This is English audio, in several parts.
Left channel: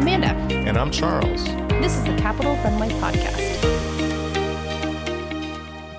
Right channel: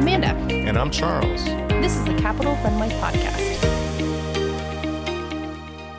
Amanda. And I'm Charles. This is the Capital Runway Podcast.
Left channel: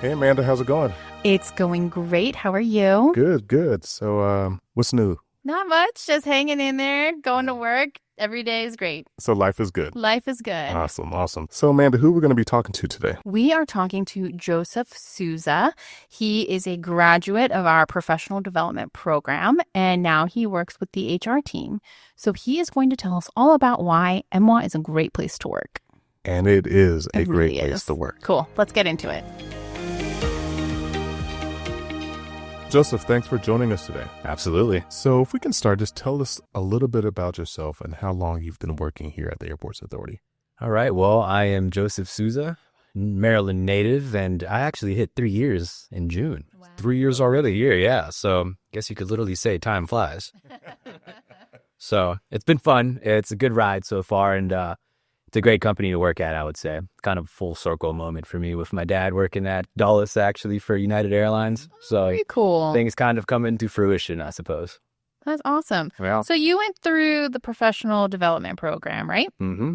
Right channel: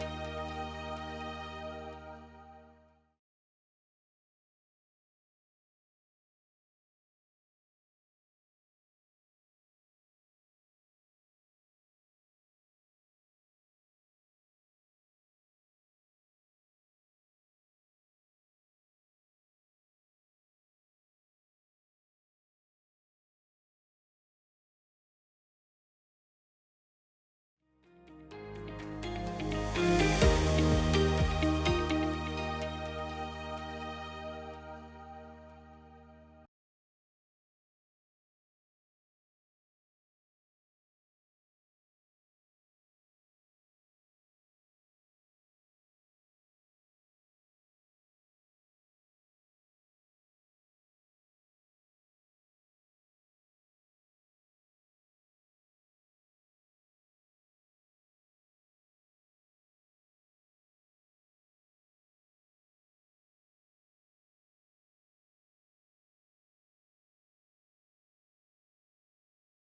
Hey, Amanda, how's it going? It's going great. How are you? Good. So, what's new? Not much. Just hanging in there, going to work. Every day is great. So life is good. Life is good. Awesome. So, Amanda, who are we going to be talking to today? We are talking to Joseph Souza. He is a graduate of our professional development program, and now he works with the HR team. So he is going to tell us all about why MWA is a great place to work. And it is a It great really place is. to work. Cool. Let's get into it. Joseph, thanks for joining us today. Absolutely. So if we can start, just tell us a little bit about yourself and how long you've been working here at the Airports Authority. All right. Well, I am Joseph Souza, Maryland native, and I actually hit 3 years in June. Wow. 3 years already here, yeah. So I guess you could literally say time flies. So it's been fun. It's a good ride so far, and it's a great company to work at, I would say. Kind of a full circle moment for me with my dad working at Dulles, actually, for United Airlines. So Very cool. things kind of come into fruition, I suppose. That's awesome. Well, So you went through the professional development program, right?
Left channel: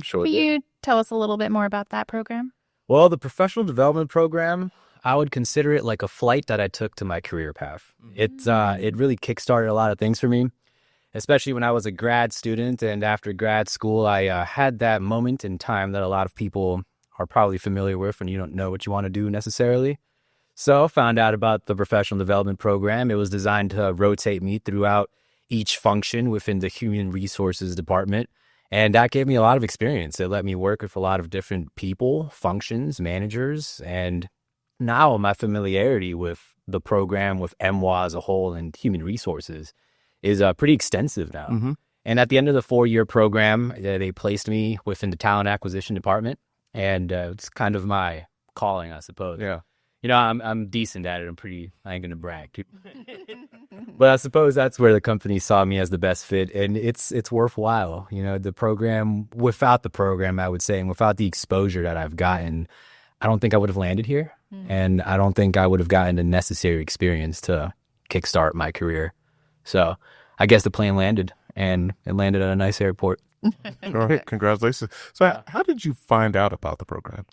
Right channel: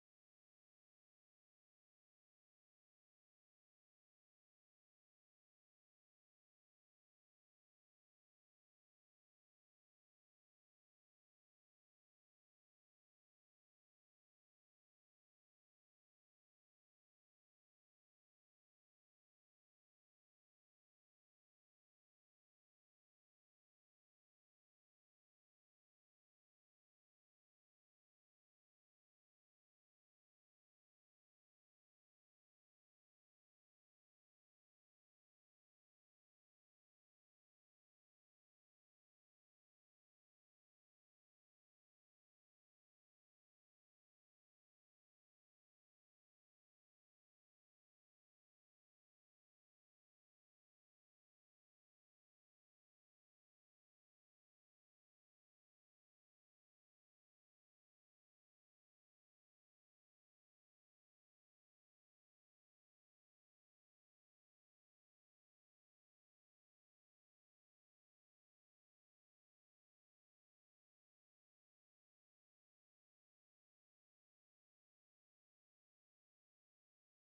sure Will did. you tell us a little bit more about that program? Well, the professional development program, I would consider it like a flight that I took to my career path. It really kickstarted a lot of things for me, especially when I was a grad student. And after grad school, I had that moment in time that a lot of people are probably familiar with when you don't know what you want to do necessarily. So I found out about the professional development program. It was designed to rotate me throughout each function within the human resources department. And that gave me a lot of experience. It let me work with a lot of different people, functions, managers. And now my familiarity with the program, with MWA as a whole and human resources is pretty extensive now. Mm-hmm. And at the end of the 4-year program, they placed me within the talent acquisition department. And it's kind of my calling, I suppose. Yeah. You know, I'm decent at it. I ain't going to brag. But I suppose that's where the company saw me as the best fit. And it's worthwhile. You know, without the program, I would say, and without the exposure that I've gotten, I don't think I would have landed here. And I don't think I would have gotten the necessary experience to kickstart my career. So I guess the plane landed, and it landed at a nice airport. All right. Congratulations. So how did you find out about the program?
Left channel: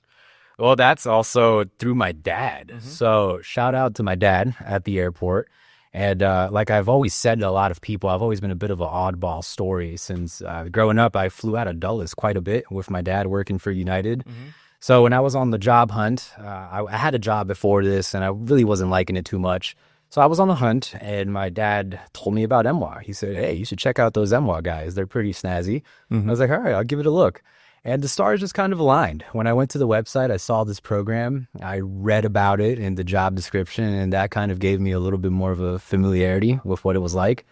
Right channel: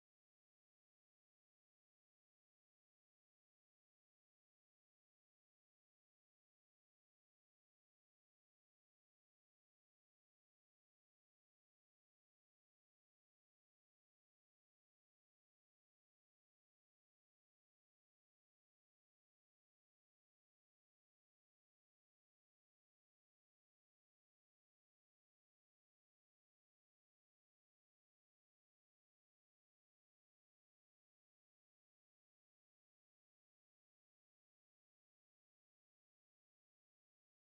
Well, that's also through my dad. Mm-hmm. So shout out to my dad at the airport. And like I've always said to a lot of people, I've always been a bit of an oddball story. Since growing up, I flew out of Dulles quite a bit with my dad working for United. Mm-hmm. So when I was on the job hunt, I had a job before this, and I really wasn't liking it too much. So I was on the hunt, and my dad told me about MWA. He said, hey, you should check out those MWA guys. They're pretty snazzy. Mm-hmm. I was like, all right, I'll give it a look. And the stars just kind of aligned. When I went to the website, I saw this program. I read about it in the job description, and that kind of gave me a little bit more of a familiarity with what it was like.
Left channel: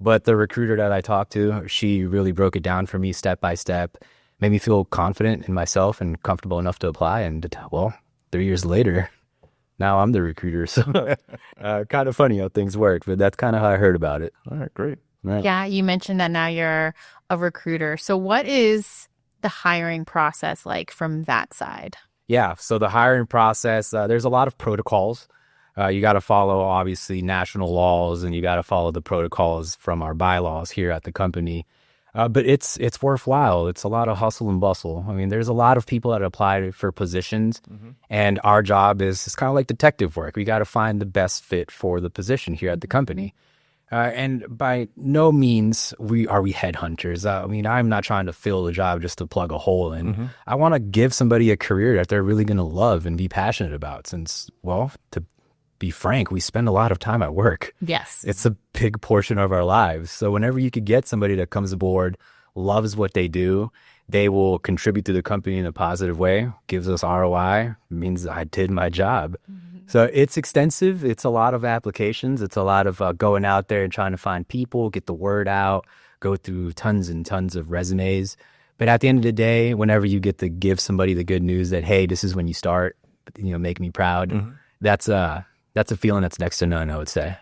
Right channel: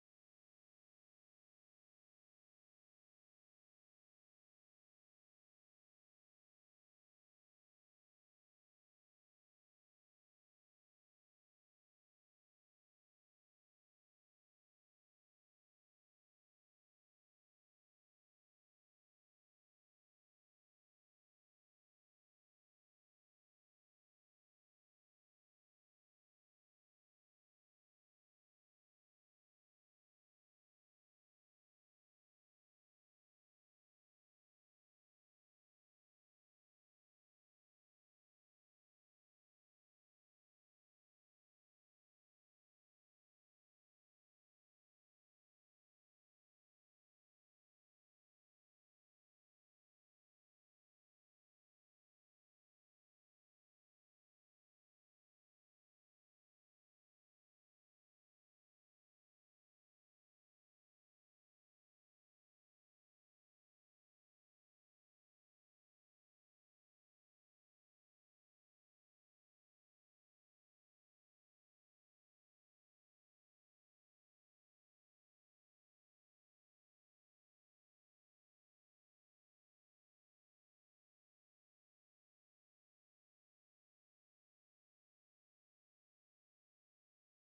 But the recruiter that I talked to, she really broke it down for me step by step, made me feel confident in myself and comfortable enough to apply. And, well, 3 years later, now I'm the recruiter. So kind of funny how things work, but that's kind of how I heard about it. All right, great. Right. Yeah, you mentioned that now you're a recruiter. So what is the hiring process like from that side? Yeah, so the hiring process, there's a lot of protocols. You got to follow, obviously, national laws, and you got to follow the protocols from our bylaws here at the company. But it's worthwhile. It's a lot of hustle and bustle. I mean, there's a lot of people that apply for positions, and our job is kind of like detective work. We got to find the best fit for the position here at the company. And by no means are we headhunters. I mean, I'm not trying to fill the job just to plug a hole in. I want to give somebody a career that they're really going to love and be passionate about. Since, well, to be frank, we spend a lot of time at work. Yes. It's a big portion of our lives. So whenever you could get somebody that comes aboard, loves what they do, they will contribute to the company in a positive way, gives us ROI, means I did my job. So it's extensive. It's a lot of applications. It's a lot of going out there and trying to find people, get the word out, go through tons and tons of resumes. But at the end of the day, whenever you get to give somebody the good news that, hey, this is when you start, make me proud, that's a feeling that's next to none, I would say.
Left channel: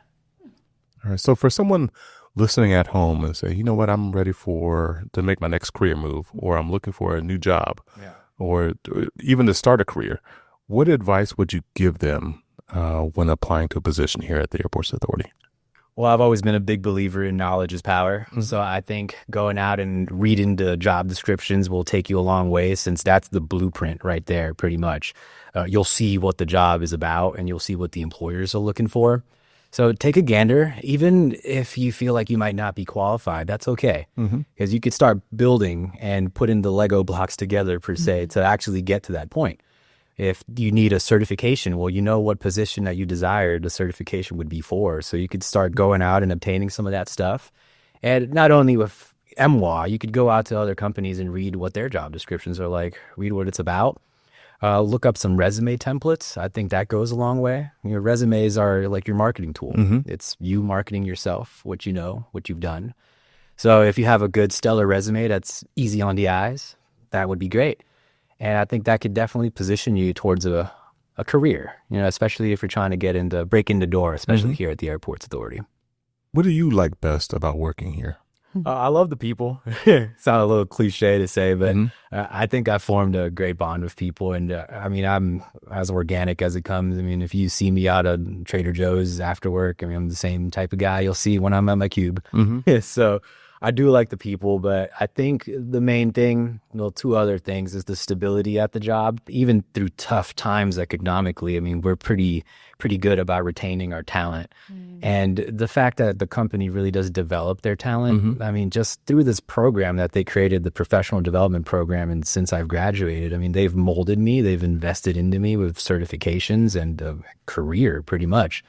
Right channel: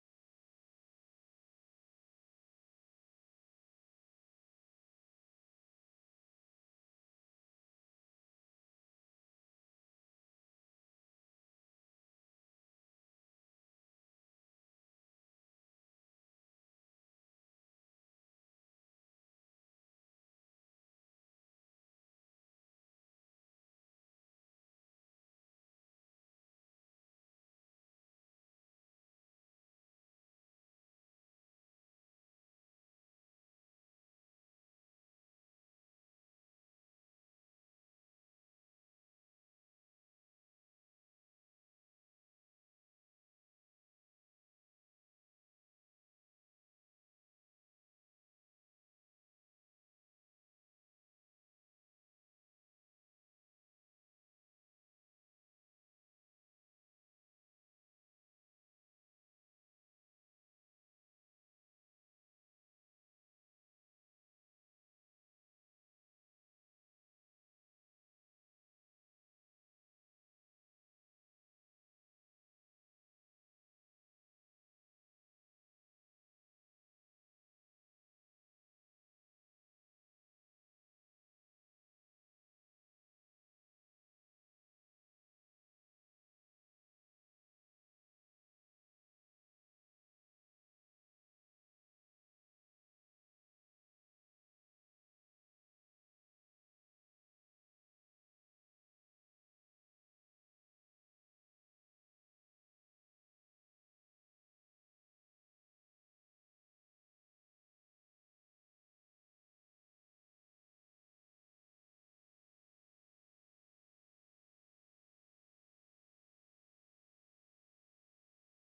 All right. So for someone listening at home and say, you know what, I'm ready to make my next career move, or I'm looking for a new job, or even to start a career, what advice would you give them when applying to a position here at the Airports Authority? Well, I've always been a big believer in knowledge is power. So I think going out and reading the job descriptions will take you a long way, since that's the blueprint right there, pretty much. You'll see what the job is about, and you'll see what the employers are looking for. So take a gander. Even if you feel like you might not be qualified, that's okay. Because you could start building and putting the Lego blocks together, per se, to actually get to that point. If you need a certification, well, you know what position that you desire the certification would be for. So you could start going out and obtaining some of that stuff. And not only with MWA, you could go out to other companies and read what their job descriptions are like, read what it's about. Look up some resume templates. I think that goes a long way. Your resumes are like your marketing tool. It's you marketing yourself, what you know, what you've done. So if you have a good, stellar resume that's easy on the eyes, that would be great. And I think that could definitely position you towards a career, especially if you're trying to break in the door, especially here at the Airports Authority. What do you like best about working here? I love the people. Sound a little cliche to say, but I think I formed a great bond with people. And I'm as organic as it comes. I mean, if you see me out at Trader Joe's after work, I'm the same type of guy you'll see when I'm at my cube. So I do like the people, but I think the main thing, two other things, is the stability at the job. Even through tough times economically, we're pretty good about retaining our talent. And the fact that the company really does develop their talent, just through this program that they created, the professional development program, and since I've graduated, they've molded me, they've invested into me with certifications and a career, pretty much.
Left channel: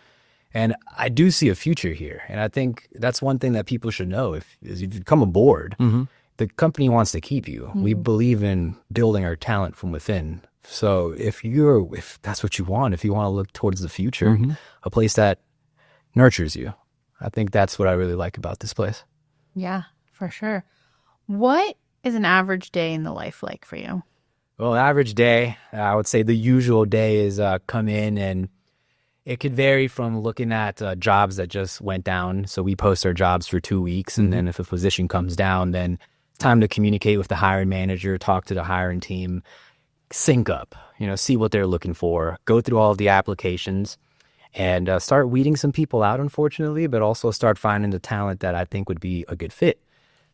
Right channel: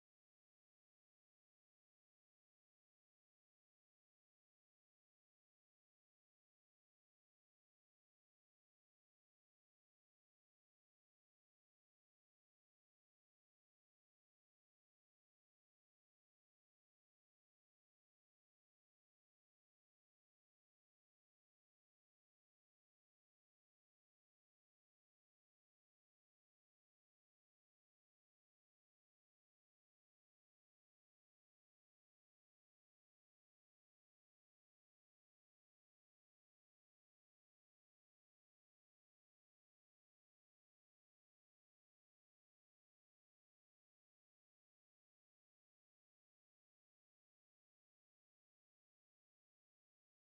And I do see a future here. And I think that's one thing that people should know. If you come aboard, the company wants to keep you. We believe in building our talent from within. So if that's what you want, if you want to look towards the future, a place that nurtures you, I think that's what I really like about this place. Yeah, for sure. What is an average day in the life like for you? Well, average day, I would say the usual day is come in, and it could vary from looking at jobs that just went down. So we post our jobs for 2 weeks, and then if a position comes down, then it's time to communicate with the hiring manager, talk to the hiring team, sync up, see what they're looking for, go through all of the applications, and start weeding some people out, unfortunately, but also start finding the talent that I think would be a good fit.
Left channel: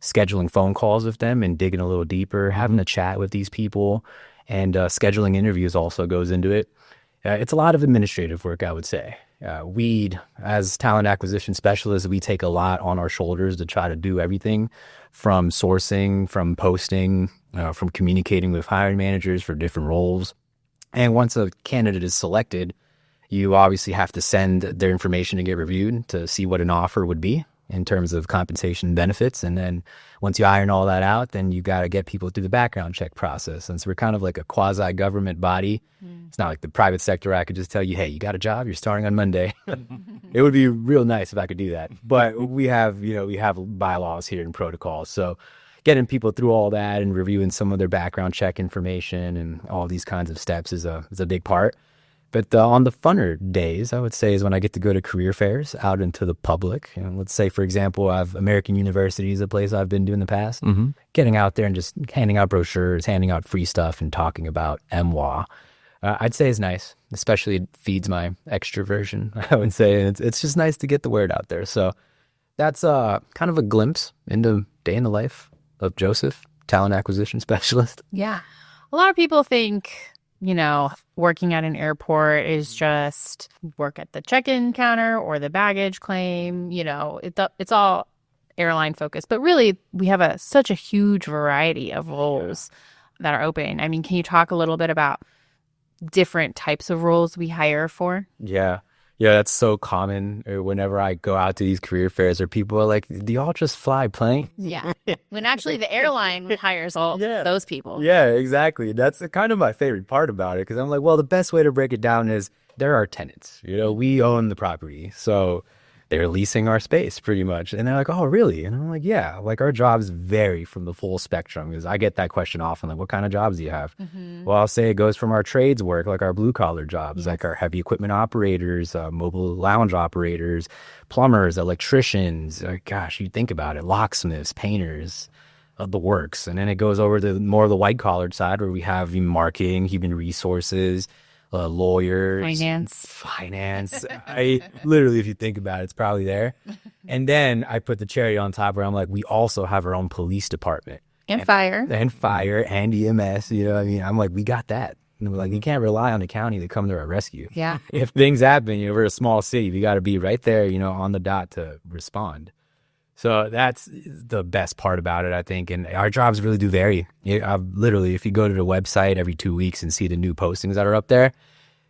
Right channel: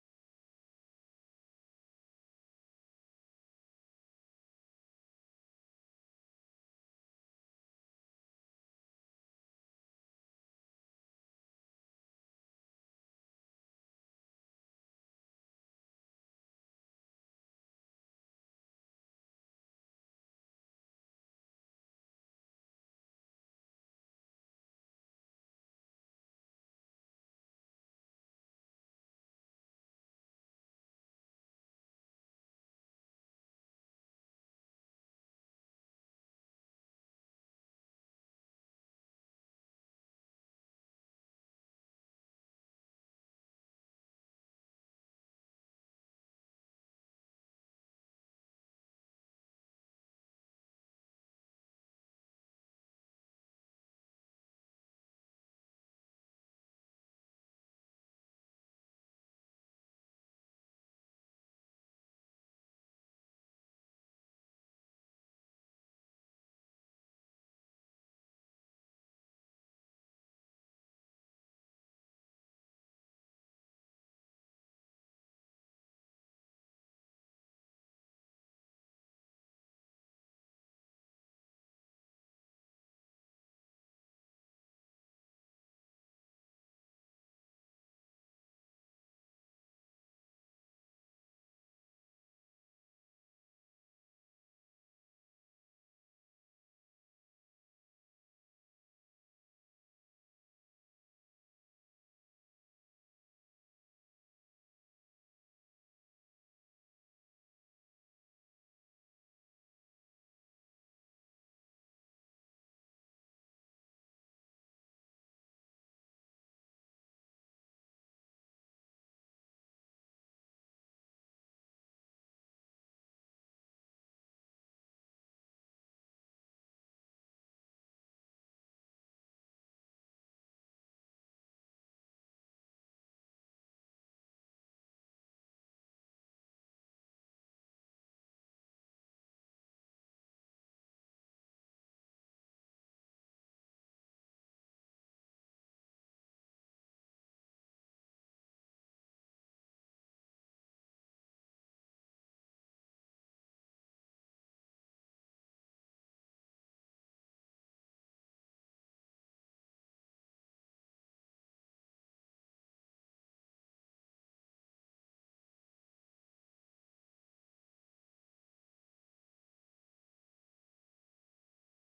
Scheduling phone calls with them and digging a little deeper, having a chat with these people, and scheduling interviews also goes into it. It's a lot of administrative work, I would say. As talent acquisition specialists, we take a lot on our shoulders to try to do everything from sourcing, from posting, from communicating with hiring managers for different roles. And once a candidate is selected, you obviously have to send their information to get reviewed to see what an offer would be in terms of compensation and benefits. And then once you iron all that out, then you got to get people through the background check process. Since we're kind of like a quasi-government body, it's not like the private sector. I could just tell you, hey, you got a job, you're starting on Monday. It would be real nice if I could do that. But we have bylaws here and protocols. So getting people through all that and reviewing some of their background check information and all these kinds of steps is a big part. But on the funner days, I would say, is when I get to go to career fairs out into the public. Let's say, for example, American University is a place I've been to in the past. Getting out there and just handing out brochures, handing out free stuff, and talking about MWA. I'd say is nice, especially it feeds my extroversion, I would say. And it's just nice to get the word out there. So that's kind of a glimpse into day in the life of Joseph, talent acquisition specialist. Yeah. A lot of people think, working at an airport is just work at the check-in counter or the baggage claim. It's all airline focused. But really, we have such a huge variety of roles that are open. Can you talk a little bit about different types of roles we hire for? Yeah, that's so common. Whenever I go out to these career fairs, or people are like, do y'all just fly plane? Yeah. When actually the airline hires all those people. Yeah, exactly. That's kind of my favorite part about it, because I'm like, well, the best way to break it down is they're our tenants. We own the property. So they're leasing our space pretty much. And they're like, oh, really? And I'm like, yeah, like our jobs vary from the full spectrum, because I get that question often, like, what kind of jobs do you have? Well, I'll say it goes from our trades work, like our blue collar jobs, like our heavy equipment operators, mobile lounge operators, plumbers, electricians. Gosh, you think about it, locksmiths, painters, the works. And then it goes over to more of the white collar side, where we have marketing, human resources, lawyers, finance. I literally, if you think about it, it's probably there. And then I put the cherry on top where I'm like, we also have our own police department. And fire. And fire and EMS. You know what I mean? I'm like, we got that. And we're like, you can't rely on the county to come to our rescue. Yeah. If things happen, we're a small city. We got to be right there, on the dot to respond. So that's the best part about it, I think. And our jobs really do vary. Literally, if you go to the website every 2 weeks and see the new postings that are up there,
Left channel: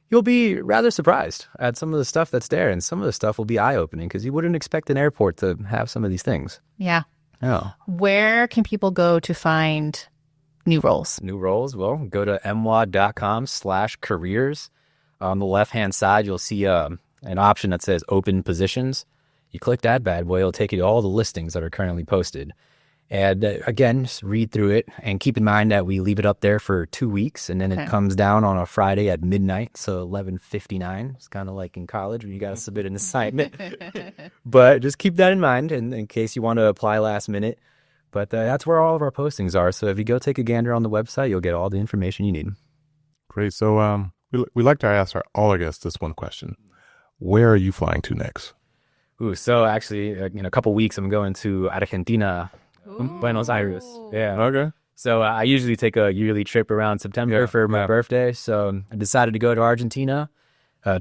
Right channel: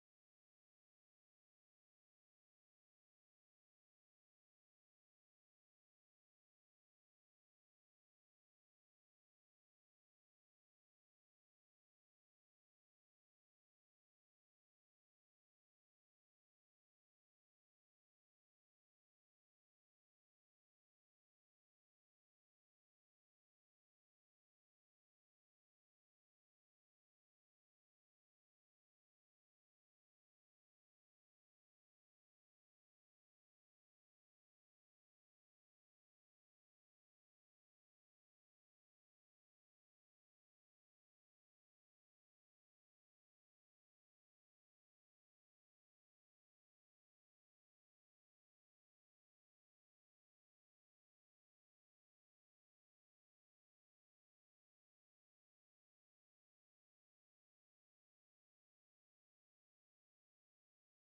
you'll be rather surprised at some of the stuff that's there. And some of the stuff will be eye-opening because you wouldn't expect an airport to have some of these things. Yeah. Oh. Where can people go to find new roles? New roles? Well, go to mwad.com/careers. On the left-hand side, you'll see an option that says open positions. You click that bad boy, it'll take you to all the listings that are currently posted. And again, just read through it and keep in mind that we leave it up there for 2 weeks and then it comes down on a Friday at midnight, so 11:59. It's kind of like in college when you got to submit an assignment. But just keep that in mind in case you want to apply last minute. But that's where all of our postings are. So if you go take a gander on the website, you'll get all the information you need. Great. So we like to ask all our guests this one question. Where are you flying to next? Ooh, so actually, in a couple weeks, I'm going to Argentina, Buenos Aires. Yeah. Okay. So I usually take a yearly trip around September for my birthday. So I decided to go to Argentina,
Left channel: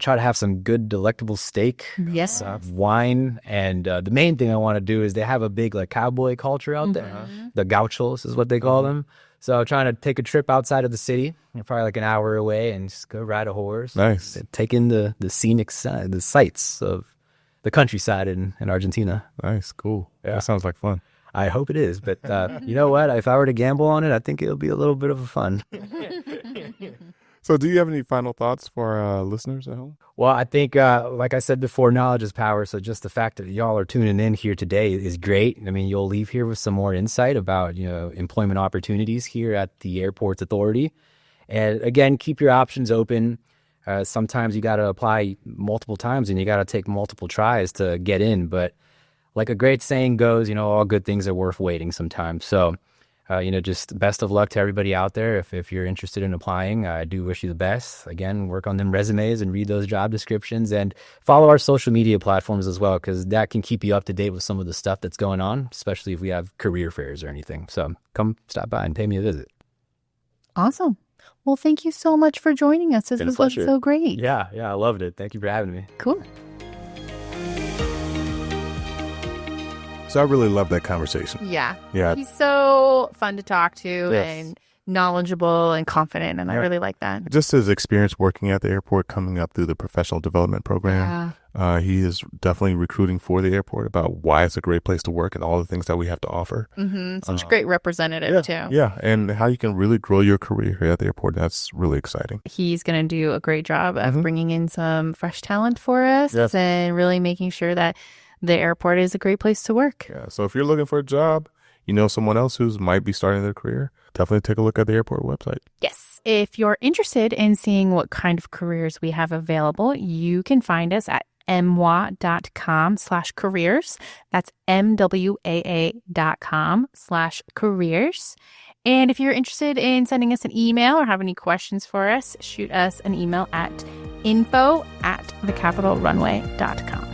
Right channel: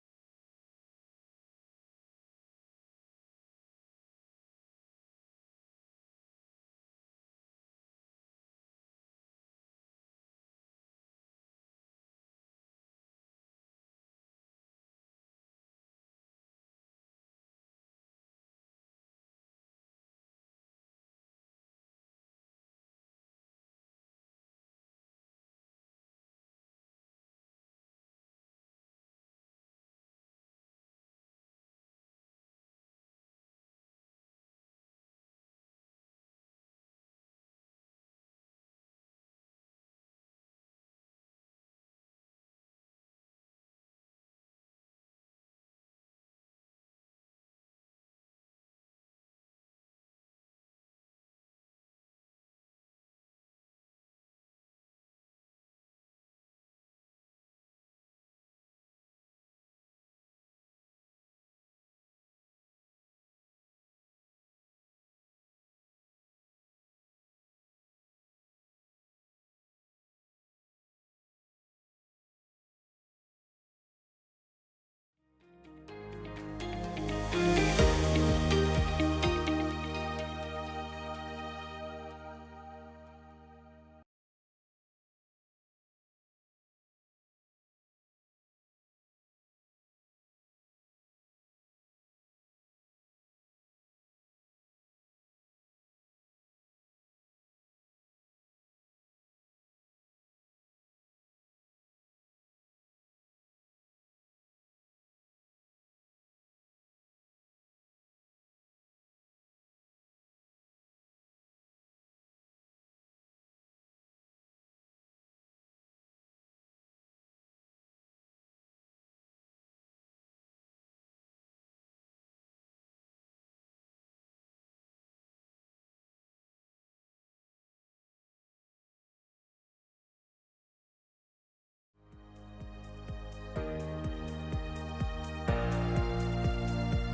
try to have some good, delectable steak, Yes. wine. And the main thing I want to do is they have a big cowboy culture out there. The gauchos is what they call them. So I'm trying to take a trip outside of the city, probably an hour away, and just go ride a horse. Nice. Take in the scenic side, the sights of the countryside in Argentina. Nice. Cool. Yeah. That sounds like fun. I hope it is. But you know what? If I were to gamble on it, I think it'll be a little bit of a fun. So do you have any final thoughts for our listeners at home? Well, I think, like I said before, knowledge is power. So just the fact that y'all are tuning in here today is great. I mean, you'll leave here with some more insight about, employment opportunities here at the Airports Authority. And again, keep your options open. Sometimes you got to apply multiple times and you got to take multiple tries to get in. But like a great saying goes, all good things are worth waiting sometimes. So, just best of luck to everybody out there. If you're interested in applying, I do wish you the best. Again, work on them resumes and read those job descriptions and follow our social media platforms as well, because that can keep you up to date with some of the stuff that's going on, especially if we have career fairs or anything. So come stop by and pay me a visit. Awesome. Well, thank you so much for joining us. This was so great. Yeah, I loved it. Thank you for having me. Cool. So I really love that conversation. Yeah. Yeah. He's so fun to talk to and knowledgeable and confident, and I really like that. Just his experience working at the airport, coming up through the professional development program. He is definitely recruiting for the airport about why it's a great place to work and all the things that we have to offer. Such a great representative, too. Yeah, and how you can really grow your career here at the airport. That's really exciting. He's going to do a great job of bringing in some fresh talent for us and really making sure that the airport is a great place to work. Yeah, so if you're looking for a job, someone else who might be starting their career, definitely take a look at the airport website. Yes. If you're interested in seeing what kind of careers we have available, you can find us at mwa.com/careers. That's mwaa.com/careers. And if you're interested in sending us an email or have any questions for us, shoot us an email at info@thecapitalrunway.com.